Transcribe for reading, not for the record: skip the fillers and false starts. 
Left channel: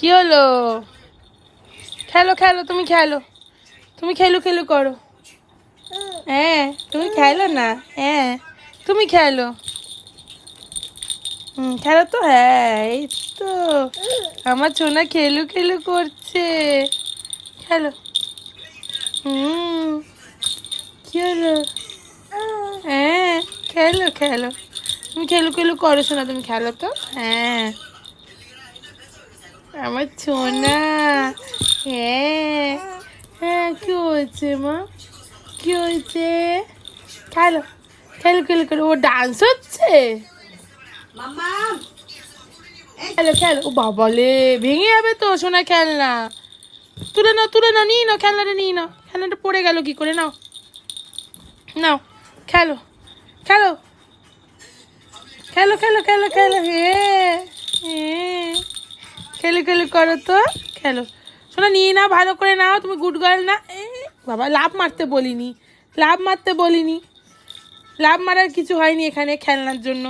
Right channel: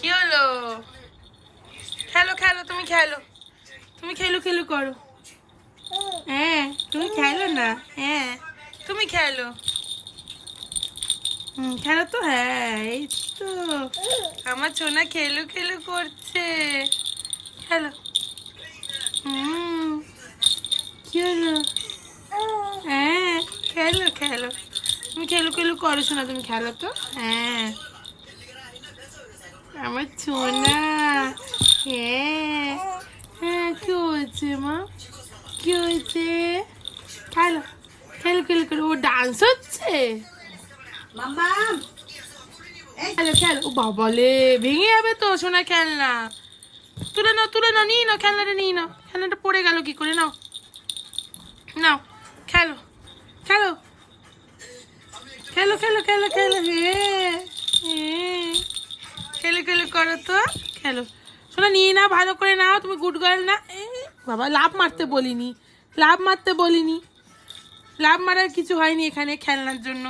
কি হলো? খেলো খেলো, তুমি খেলো, তুমি খেলু খেলু করো। হ্যাঁ তুমি খেলো না। হ্যাঁ তুমি খেলো। খেলো তো। হ্যাঁ এই তো আমার ছোনা খেলু খেলু করছে। খেলো। হুম কি হলো? হ্যাঁ খেলো খেলো, তুমি খেলু খেলু করো শোনা, তুমি খেলো তো। হ্যাঁ আমার ছোনা। হ্যাঁ হ্যাঁ কি হয়েছে মা? কি হয়েছে? খেলো খেলো খেলো খেলো, ও ডান্স হচ্ছে। খেলো খেলো, ও বাবালে ভেঙে যাবে তো সোনা খেলনা। তুলে নাও তুলে নাও, নিয়ে নাও খেলনাটা, নিয়ে নাও। খেলনাটা পড়ে গেল কি করে? নাও নাও খেলো খেলো খেলো খেলো খেলো খেলো। হ্যাঁ হ্যাঁ খেলো খেলো করো তো। খেলো শোনা, নিয়ে নাও ভালো করে নাও, তুমি গুড গার্ল না। বাবা লাভ মারতে বলিনি, লাভ মারতে বলিনি, লাভ মারার কিছু হয়নি এখানে খেলনার জন্য।